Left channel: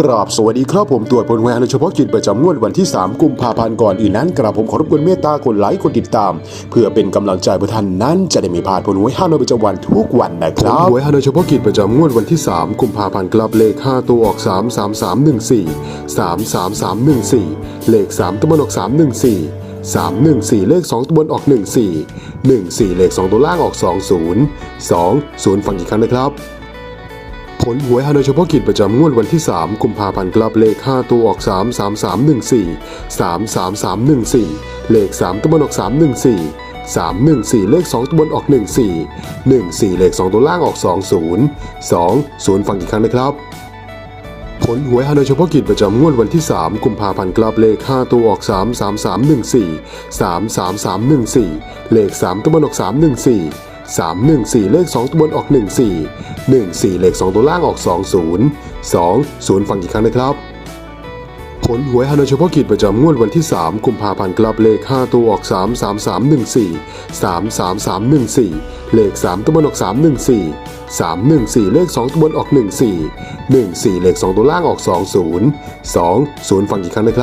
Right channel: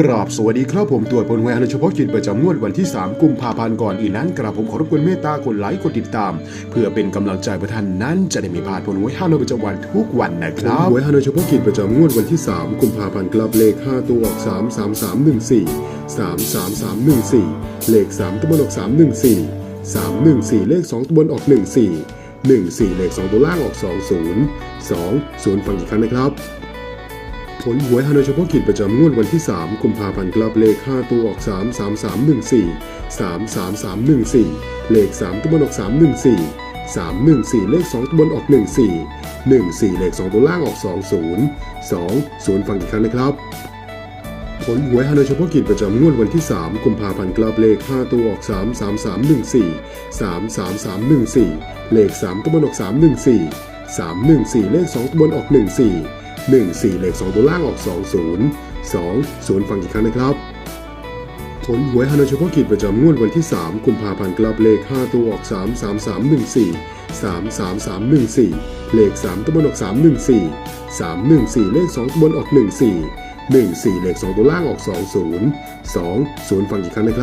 กราบสวัสดีครับผมตรวจผลหวยฮานอยเฉพาะกิจประจำงวดวันที่ 3 กุมภาพันธ์ก่อนอื่นนั้นกราบผมขอรบกวนเมตตากดไลค์กดติดตาม เพื่อเป็นกำลังใจเพื่อท่านนั้นจะได้ไมีพลาดผลหวยฮานอยประจำวันทุกวันนะครับหวยฮานอยเฉพาะกิจประจำงวดวันที่ 3 กุมภาพันธ์กลับเลข 5 ตัวออก 3 3 3 1 4 3 3 3 1 4 เลข 3ตัวบนออก3 1 4 3 1 4 เลข 2 ตัวบนออก 1 4 1 4 เลข 2 ตัวล่างออก 2 0 2 0 ฟังอีกครั้งนะครับ ผลหวยฮานอยเฉพาะกิจประจำงวดวันที่ 3 กุมภาพันธ์กลับเลข 5 ตัวออก 3 3 3 1 4 3 3 3 1 4 เลข 3ตัวบนออก 3 1 4 3 1 4 เลข 2 ตัวบนออก 1 4 1 4 เลข 2 ตัวล่างออก 2 0 2 0 ฟังอีกครั้งนะครับ ผลหวยฮานอยเฉพาะกิจประจำงวดวันที่ 3 กุมภาพันธ์กลับเลข 5 ตัวออก 3 3 3 1 4 3 3 3 1 4 เลข 3 ตัวบนออก 3 1 4 3 1 4 เลข 2 ตัวบนออก 1 4 1 4 เลข 2 ตัวล่างออก 2 0 2 0 ฟังอีกครั้งนะครับ ผลหวยฮานอยเฉพาะกิจประจำงวดวันที่ 3 กุมภาพันธ์กลับเลข 5 ตัวออก 3 3 3 1 4 3 3 3 1 4 เลข 3 ตัวบนออก 3 1 4 3 1 4 เลข 2 ตัวบนออก 1 4 1 4 เลข 2 ตัวล่างออก 2 0 2 0 ฟังอีกครั้งนะครับ